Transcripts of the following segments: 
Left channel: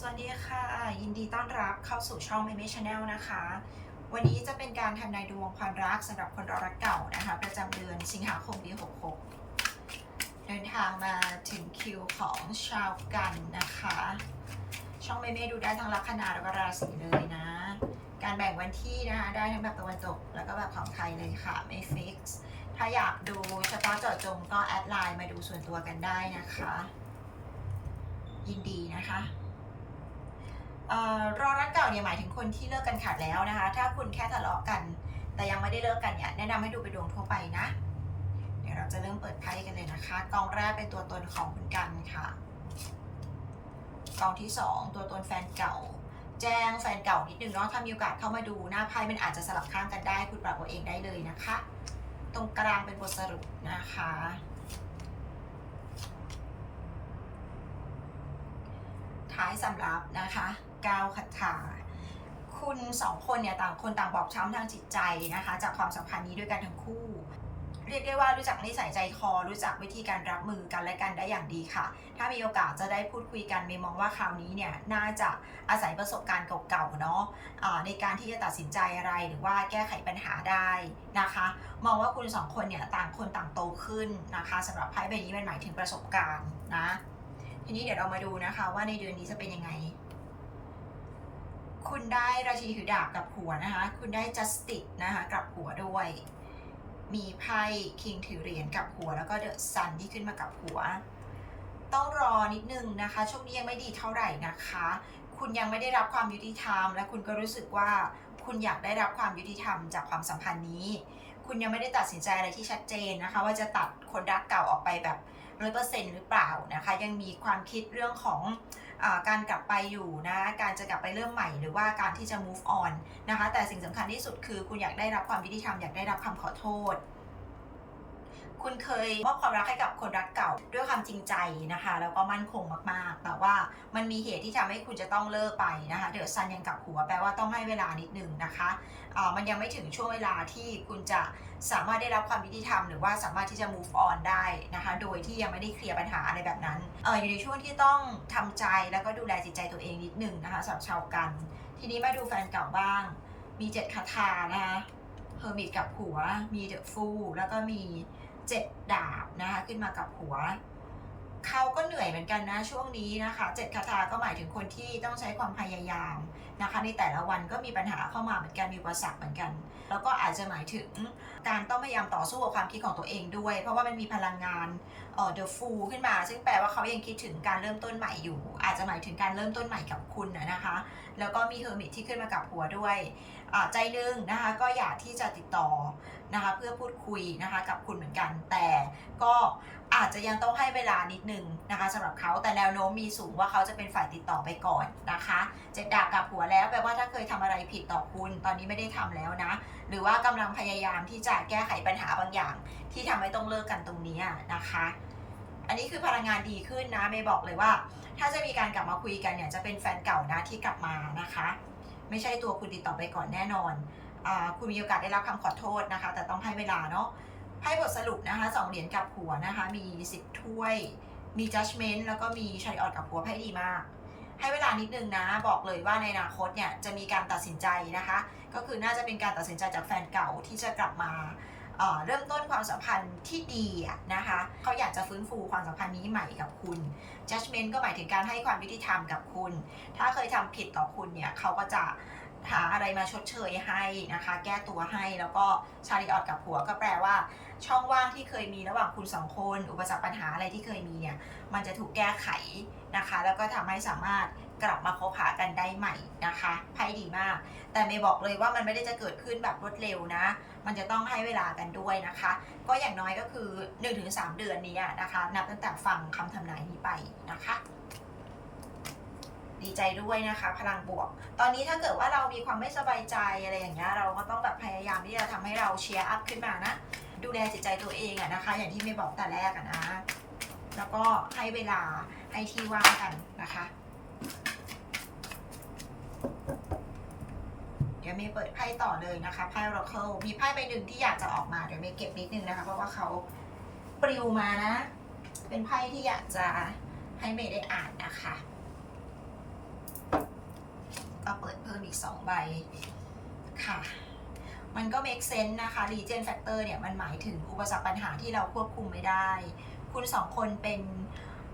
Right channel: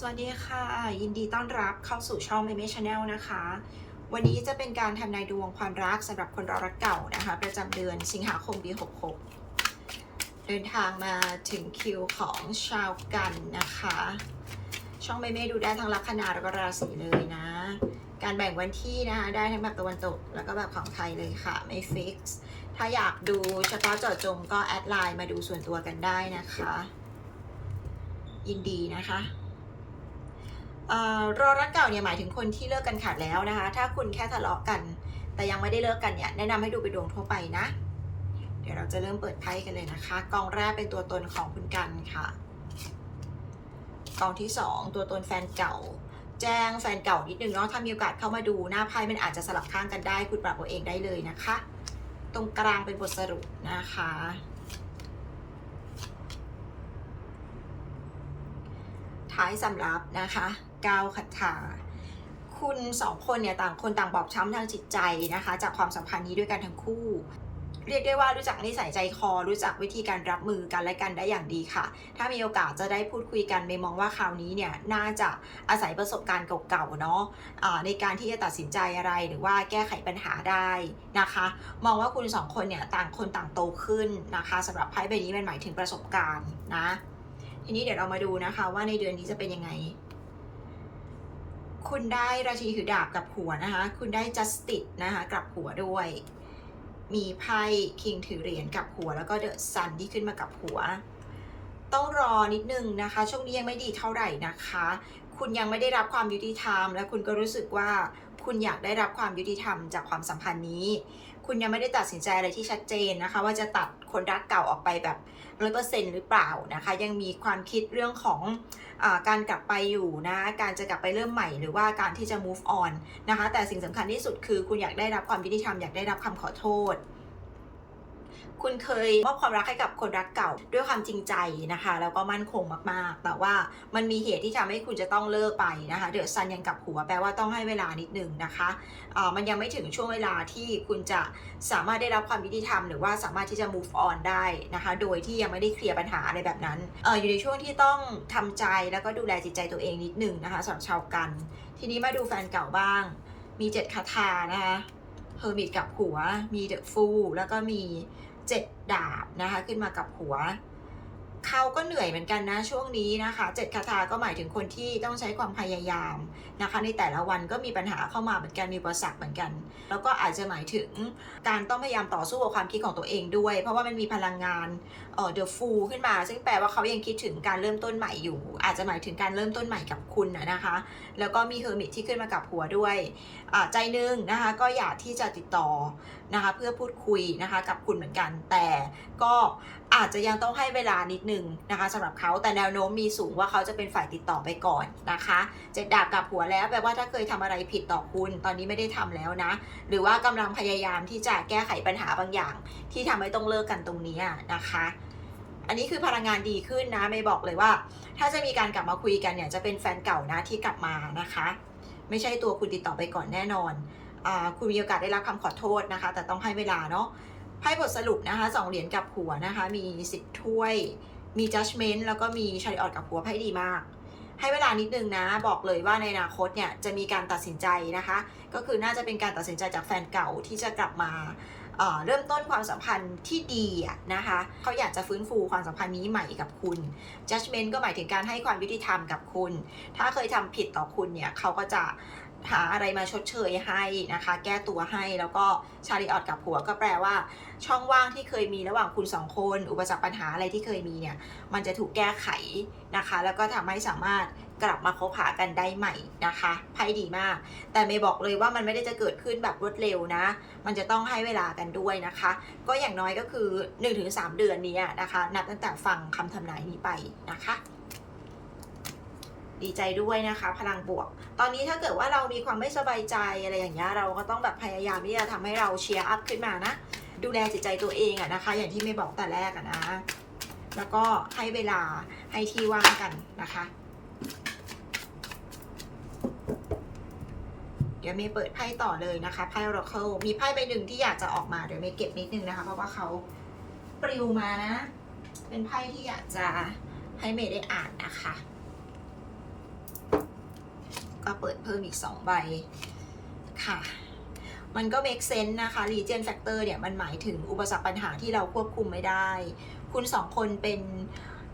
สวัสดีค่ะ ยินดีต้อนรับเข้าสู่ช่อง m ม m ช Channel นะคะ วันนี้จะเป็นการทำนายดวงความรักสำหรับคนรอรักเก่านะคะ ประจำเดือนสิงหาคมปี66 เดินทางมาถึงคิวของชาวกันนะคะ ช่องเมเมดูได้ทั้งลัคนาแล้วก็ราศีเลยนะ การแบ่งวันที่นะคะ ได้ทั้งแบบตะวันตกแล้วก็แบบของไทยเลยค่ะ ไม่ฟิกซ์ถ้าอยากดูเฉพาะเจาะจงก็แอดไลน์มาดูส่วนตัวกันได้นะคะ ยินดีนะคะ รอรักเก่าเนี่ยหมายถึงคนที่เลิกกันขาดแล้วนะคะ ถ้าคุณแค่ทะเลาะกัน แต่ยังไม่ได้เลิกกันเนี่ยแนะนำให้ดูเป็นดวงทั่วไปนะ เดี๋ยวเราจะเริ่มเปิดไพ่กันเลยนะคะ กองแรกเป็นตัวตนของคุณกันค่ะ กองที่สองตัวตนแฟนเก่า แจ้งแฟนเก่านิดนึงเนาะถ้ามีโอกาสเข้ามาดูหน้าไพ่มันอาจจะสลับข้างกันได้ คุณปรับเอาเองได้เลยนะคะ ตรงกลางเป็นบทสรุปนะคะ ท้ายสำรับนะคะก้าวขัดขาคุณสองคนเนี่ยต่างคนต่างบอบช้ำทางจิตใจนะคะ จากความสัมพันธ์นี้ด้วยกันทั้งคู่ เรียกได้ว่ารู้จักนิสัยใจคอ รู้จักวิธีการรับมือกันและกันได้อย่างดีค่ะ ถ้ามีโอกาสจะได้พูดคุยกันเมย์มองว่าคราวนี้เนี่ยน่าจะอาศัยประสบการณ์เก่าๆเนาะะในการที่จะตัดสินใจอะไรหรือว่าแก้ไขปัญหาได้นะคะ มองว่าคุณสองคนเนี่ยต่างคนต่างโตขึ้นนะคะสำหรับไพ่ใบนี้มันหมายถึงประสบการณ์นะ ทีนี้เดี๋ยวเรามาดูนะคะ ว่าในเดือนนี้จะเป็นยังไง คุณได้ราชีถือดาบกับหัวนะคะ คุณได้ justice นะคะกับหัวด้วย มีไพ่คิงถือเหรียญกับหัว แล้วก็เดอะซันที่ขึ้นมากับหัว ต้องรอนิดนึงนะคะ ช่วงนี้ยังไม่ดีเท่าไหร่นะคะ คุณยังไม่ได้รับความยุติธรรม และคุณก็รู้สึกว่าคุณอยากได้รับความยุติธรรมจากความสัมพันธ์นี้ คุณยังไม่ได้ตัดสินใจอะไรที่ชัดเจนนะคะ ว่าจะตัดคนรักเก่าออกไปแบบร้อยเปอร์เซ็นต์หรือเปล่านะคะ ยังมีความคิดเรื่องของอการกลับไปอยู่นะ การจะกลับไปเริ่มใหม่ หรือว่าการที่จะ move on นะคะ แต่สิ่งสำคัญที่สุดคือคุณอยากได้รับความยุติธรรมอยากได้รับคำขอโทษ คุณเคยมอบความรักให้กับคนรักเก่าด้วยความจริงใจนะคะ แล้วก็มั่นคงมากๆ แต่ว่ามันมีเหตุที่ทำให้คุณจะต้องเลิกไปนะคะเดือดซันยังกับหัวแปลว่าต้องให้เวลานิดนึงนะคะอ่ามันยังไม่ถึงช่วงเวลาที่คุณจะสามารถได้รับความยุติธรรม หรือว่าสามารถที่จะ move on ได้นะคะ โดยที่ยังไม่ได้เคลียร์ปัญหาอะไรแบบนั้นเอออยู่ในช่วงที่ต้องทำใจแล้วก็ดูแลจิตใจตัวเองนิดนึงนะคะสำหรับชาวกัน ทีนี้มาดูแฟนเก่าบ้าง มีเจ็ดคาถานะคะเฮอร์มิตกับหัว มีเดอะฟูแล้วก็มี เจ็ดดาบนะคะขึ้นมากับหัว เขาก็เหนื่อยเหมือนกันนะช่วงนี้นะคะเจ็ดคาถาก็หมายถึงคนที่ต้องใช้ความพยายาม นะคะในแต่ละวันก็มีปัญหาเข้ามาเหมือนกันมีอุปสรรคเหมือนกัน แล้วก็อาจจะหมายถึงการต้องพยายามต่อสู้กับความคิดของตัวเองด้วย เพราะว่ามันมีพลังงานเอ่อ the fool ขึ้นมา ซึ่งแปลว่าเขายังคิดถึงการเริ่มต้นใหม่อยู่ อาจจะหมายถึงการเริ่มต้นใหม่กับคุณนะคะ แล้วก็มีเฮอร์มิตที่ขึ้นมากับหัวด้วยใจหนึงนะคะก็อยากที่จะติดต่อนะคะเพื่อพูดคุยนะคะกับคุณเหมือนกัน แต่ก็อาจจะยังต้องให้เวลานิดนึงนะคะสำหรับเขาแต่แนวโน้มมีสูงว่าเขาจะเป็นฝ่ายติดต่อไปก่อนนะคะเจ็ดดาบกับหัวแล้วแปลว่าถ้าเคยทำอะไรผิดต่อคุณ ตอนนี้ไม่ได้ทำแล้วนะ หรือว่ากำลังพยายามที่จะแก้ไขปัญหาบางอย่าง ที่ทำให้ต้องเลิกกันตรงนี้นะคะ อันนี้คือพลังงานดีขึ้นนะไม่บอกเลยว่า ถ้าจะมีการกลับมาคุยกันเนี่ยจะเป็นแฟนเก่านะที่กลับมานะคะ ไม่ใช่ตัวคุณติดต่อไปก่อนแน่นอนอคุณมีโอกาสได้รับคำขอโทษนะคะ แต่ต้องให้เวลาเนาะให้บทสรุปนะคะสองเหรียญกับหัวนะคะ มีสิบถ้วย มี judgment แล้วก็มีชาริออตกับหัวไพ่ดีมาก ให้เวลานิดนึงนะ บอกเลยว่าในอนาคตเนี่ยจะมีการตัดสินใจนะคะ ก็คือน่าจะเป็นการตัดสินใจจากแฟนเก่าที่จะกลับมาเริ่มต้นความสัมพันธ์ที่ดีนะคะเขาอยากจะฟื้นฟูความสัมพันธ์นี้ใหม่กับคุณ judgment ก็หมายถึงการให้ความยุติธรรมกับคุณ ถ้าเคยทำผิดต่อคุณเนี่ยเขาก็จะ หาอะไรมาชดเชยให้นะคะ แก้ตัวให้แล้วก็ชาริออตกับผัวก็แปลว่า ช่องว่างที่เคยมีระหว่างคุณสองคน อุปสรรคปัญหาอะไรที่เคยมีเนี่ย มันจะถูกแก้ไขนะคะ แล้วก็ทำให้สามารถกลับมาคบหากันได้ใหม่นะคะไพ่ดีมาก แต่เมย์บอกเลยว่ามันไม่ได้จะเกิดขึ้นแบบรวดเร็วนะ มันจะต้องให้เวลากันด้วยนะคะ ก็อย่างน้อยก็คือ 1-3 เดือนนี้นะคะ นับตั้งแต่ฟังคำทำนายนี้ไปนะคะ ดีใจด้วยนะคะ พลังบวก ตอนนี้ถ้าเกิดว่าเรามีความไม่สบายใจอะไรอย่างเงี้ยเราก็ต้องแบบพยายามที่จะทำให้เราเชียร์อัพขึ้นมานะ ดูแลจิตใจตัวเองอะนะคะ อย่างที่ไม่บอกแต่แรกอะนะ แล้วก็ให้เวลาให้ที่ว่างกันนะคะ เดี๋ยวเมย์เปิดไพ่ต่อเลยนะคะไพ่ Oracle มีไพ่ใบหนึ่งที่อยากจะออกมาเดี๋ยวเมย์เก็บนิดนึงนะคะ เพราะว่าเขาปลิวมานะ เป็นไพ่ที่อยากจะให้เมย์ได้อ่านนะคะ ก็เปิดเพิ่มอีก 2 ใบค่ะ มันก็ make sense นะคะ region factor เนี่ย มันหมายถึงอุปสรรคปัญหาที่เราควบคุมไม่ได้ คุณสองคนเป็น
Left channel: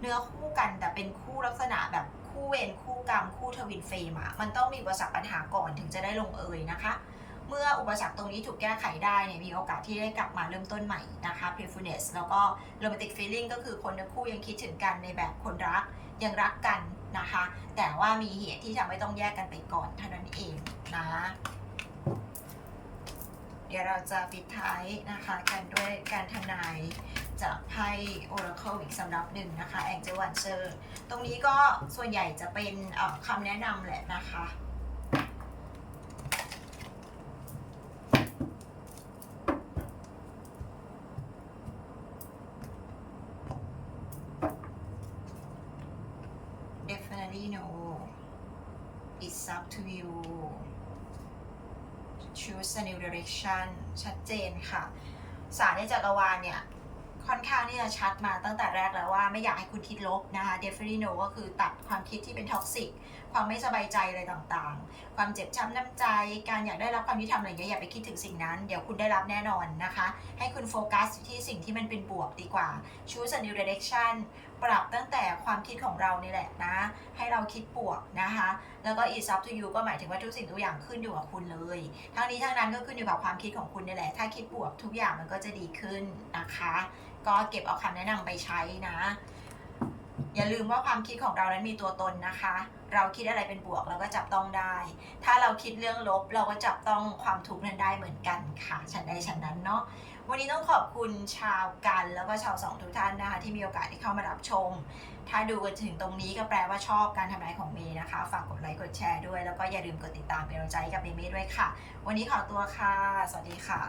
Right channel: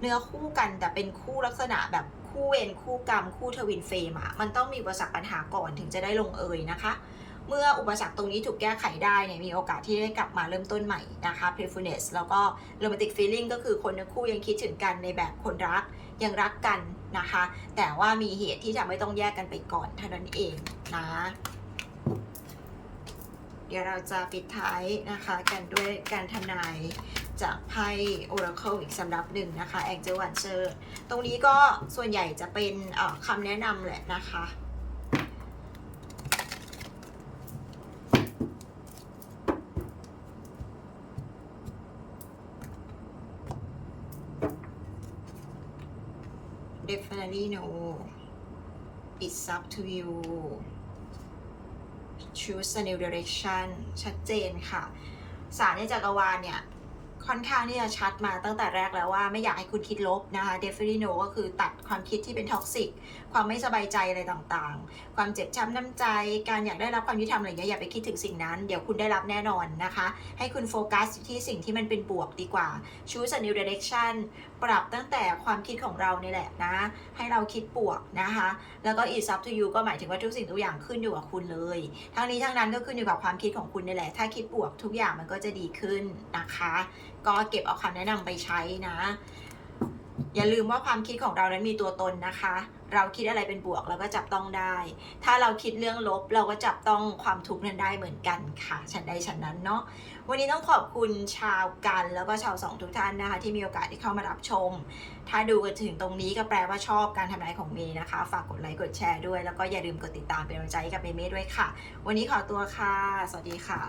เนื้อคู่กันแต่เป็นคู่ลักษณะแบบคู่เวรคู่กรรม คู่ทวินเฟรมอะมันต้องมีอุปสรรคปัญหาก่อนถึงจะได้ลงเอยนะคะ เมื่ออุปสรรคตรงนี้ถูกแก้ไขได้เนี่ยมีโอกาสที่ได้กลับมาเริ่มต้นใหม่นะคะ playfulness แล้วก็ romantic feeling ก็คือคนทั้งคู่ยังคิดถึงกันในแบบคนรักยังรักกันนะคะ แต่ว่ามีเหตุที่จะไม่ต้องแยกกันไปก่อนเท่านั้นเองนะเดี๋ยวเราจะปิดท้ายนะคะกันด้วยการทำนายจากไพ่ Oracle อีกสำรับหนึ่งนะคะ Angel Watcher ตรงนี้ก็ส่วนใหญ่จะเป็นคำแนะนำแหละนะคะ know it's up to you choose a new direction ชัดเจนค่ะ สารในจักรวาลเนี่ย ค่อนข้างที่จะชัดมาตั้งแต่แรกแล้วว่าไม่อยากให้คุณคิดลบนะคะ definitely no ก็คือตัดความคิดที่เป็นท็อกซิกความไม่สบายใจอะไรต่างๆ ความเจ็บช้ำน้ำใจ การอยากได้รับความยุติธรรมอะไรอย่างเงี้ยอย่าไปคิดถึงสิ่งนั้น เดี๋ยวคุณได้รับแน่นอนนะคะ ให้คุณโฟกัสที่สิ่งที่มันเป็นบวกดีกว่า choose a new direction ปรับตั้งแต่ความคิดของเรานี่แหละนะ ให้เราคิดบวกนะคะ แล้วก็ it's up to you ก็หมายถึงว่าทุกสิ่งทุกอย่างขึ้นอยู่กับคุณเลย ทั้งนี้ทั้งนั้นก็ขึ้นอยู่กับความคิดของคุณนี่แหละ ถ้าคิดบวกทุกอย่างมันก็จะดีขึ้นนะคะ ก็เก็บเอาคำแนะนำไปใช้นะ อย่าลืมว่าความคิดของเรานั้นมีตัวตนนะคะ เราคิดอะไรเป็นบวกเราก็จับต้องได้ ถ้าเราคิดเรื่องลบเราก็จับต้องความทุกข์นั้นได้เหมือนกันค่ะ ฉันใดฉันนั้นเนาะวันนี้ต้องขอบคุณชาวกันแล้วก็ชาวสองทุกท่านนะคะ ที่มีโอกาสที่เข้ามารับชม ถ้าดูกันถึงตรงนี้ก็แปลว่าชอบการทำนายของเมย์นะคะ ฝากกดไลค์กดแชร์ด้วย แล้วก็อย่าลืมกดติดตามเป็นกำลังใจให้กับเมย์เมย์ด้วยค่ะ วันนี้ขอตัวค่ะ สวัสดีค่ะ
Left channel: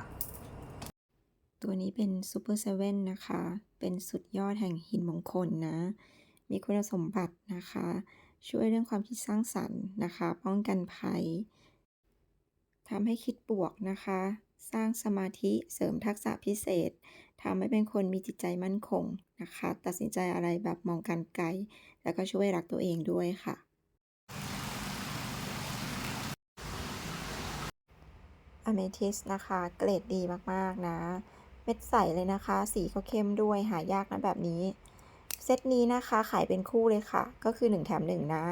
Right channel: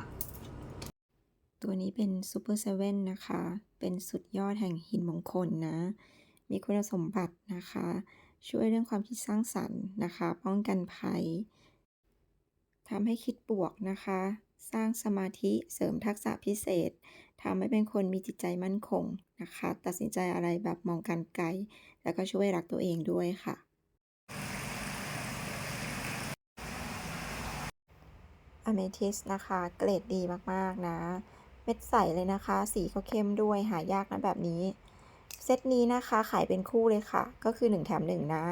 ตัวนี้เป็นซูเปอร์เซเว่นนะคะ เป็นสุดยอดแห่งหินมงคลนะ มีคุณสมบัตินะคะ ช่วยเรื่องความคิดสร้างสรรค์นะคะ ป้องกันภัยทำให้คิดบวกนะคะ สร้างสมาธิเสริมทักษะพิเศษทำให้เป็นคนมีจิตใจมั่นคงนะคะ ตัดสินใจอะไรแบบมองการไกล แล้วก็ช่วยรักตัวเองด้วยค่ะอเมทิสนะคะ เกรดดีมาก ๆ นะ เม็ดใสเลยนะคะ สีก็เข้มด้วยหายากนะแบบนี้ เซตนี้นะคะขายเป็นคู่เลยค่ะ ก็คือ 1 แถม 1 นะ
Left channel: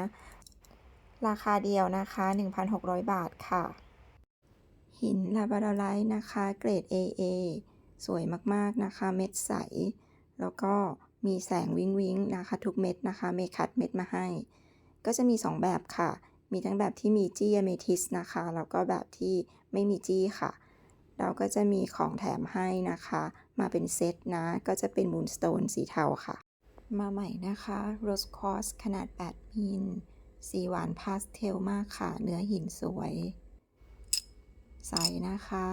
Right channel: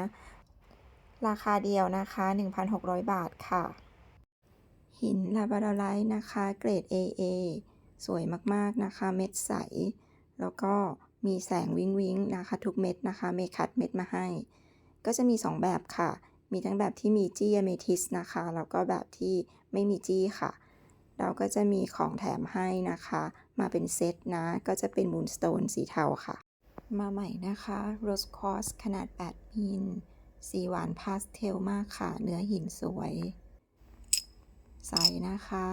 ราคาเดียวนะคะ 1,600 บาทค่ะ หินลาบาดไลท์นะคะ เกรด AA สวยมากๆนะคะ เม็ดใส แล้วก็มีแสงวิงวิงนะคะ ทุกเม็ดนะคะ เมคัดเม็ดมาให้ ก็จะมี 2 แบบค่ะ มีทั้งแบบที่มีจี้อเมทิสนะคะ แล้วก็แบบที่ไม่มีจี้ค่ะ เราก็จะมีของแถมให้นะคะ มาเป็นเซตนะ ก็จะเป็นมูนสโตนสีเทาค่ะ มาใหม่นะคะโรสคอสขนาด 8 มิล สีหวานพาสเทลมากค่ะ เนื้อหินสวย ใสนะคะ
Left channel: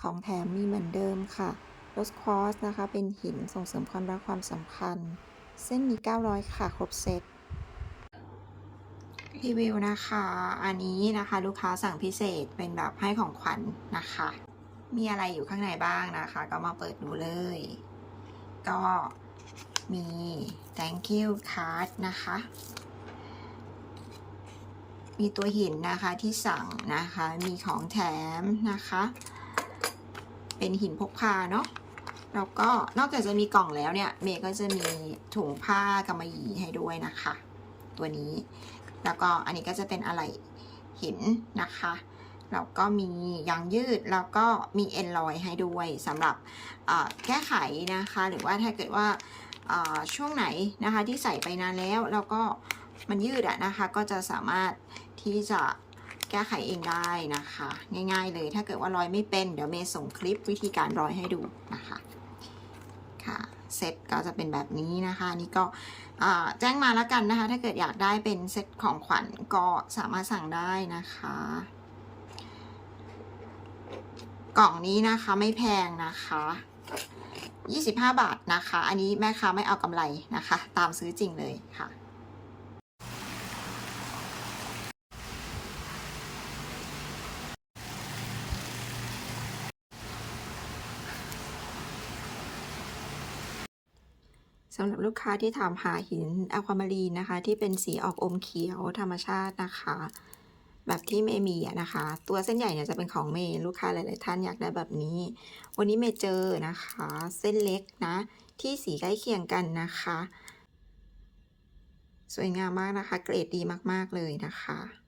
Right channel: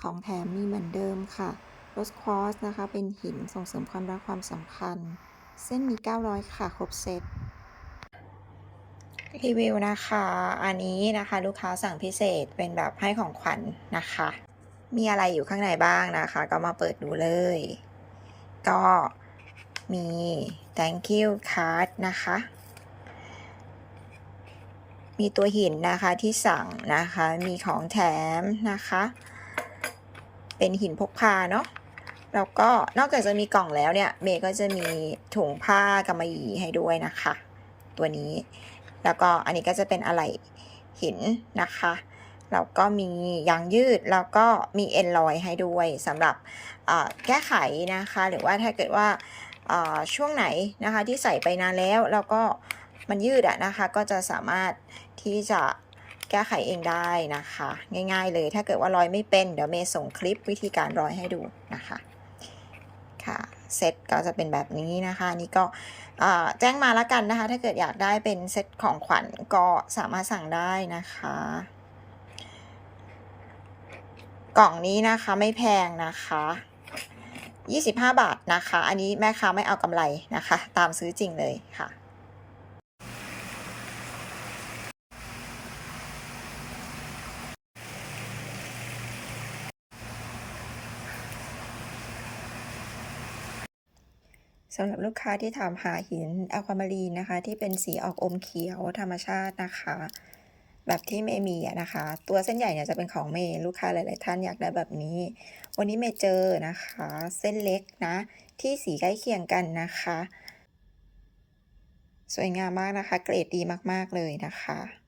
ของแถมมีเหมือนเดิมค่ะโรสคอสนะคะ เป็นหินส่งเสริมความรักความสัมพันธ์ เส้นมี 900 ค่ะ ครบเซต รีวิวนะคะ อันนี้นะคะลูกค้าสั่งพิเศษเป็นแบบให้ของขวัญนะคะ มีอะไรอยู่ข้างในบ้างนะคะ ก็มาเปิดดูเลย ก็มี thank you card นะคะ มีตัวหินนะคะที่สั่งนะคะ มีของแถมนะคะ เป็นหินพกพาเนาะแล้วก็นอกจากจะมีกล่องแล้วเนี่ย เมย์ก็จะมีถุงผ้ากำมะหยี่ให้ด้วยนะคะ ตัวนี้ แล้วก็อันนี้ก็จะเป็นอะไหล่หินนะคะแล้วก็มียางยืดแล้วก็มีเอ็นลอยให้ด้วยสำหรับแก้ไขนะคะ หรือว่าถ้าเกิดว่าช่วงไหนนะคะที่ใส่ไปนานแล้ว แล้วก็มันยืดอะนะคะก็จะสามารถที่จะแก้ไขเองได้นะคะ ง่ายๆเลยถ้าเกิดว่าร้อยไม่เป็นเดี๋ยวเมย์ส่งคลิปวิธีการร้อยให้ดูนะคะค่ะเซตก็จะเป็นแบบนี้นะคะนี่ก็ แจ้งมาแล้วกันนะคะ ถ้าเกิดอยากได้เป็นเซตของขวัญก็สามารถสั่งได้นะคะ กล่องนี้นะคะไม่แพงนะคะ25 บาทนะคะ อันนี้แม่ค้าไม่เอากำไรนะคะ ตามซื้อจริงเลยค่ะ สำหรับลูกค้าที่ถามหาหินอะความารีนนะคะ ที่เป็นสีออกอมเขียวธรรมชาตินะคะ แบบที่เมย์มีนะคะ ตัวเส้นใหญ่เนี่ยจะเป็นของเมย์ลูกค้าหลาย ๆ ท่านอยากได้แบบนี้ วันนี้เมย์เจอนะคะ เส้นเล็กนะ ที่สีใกล้เคียงกันนะคะ สวยงามมากนะคะ เกรดดีมาก ๆ เลยนะคะ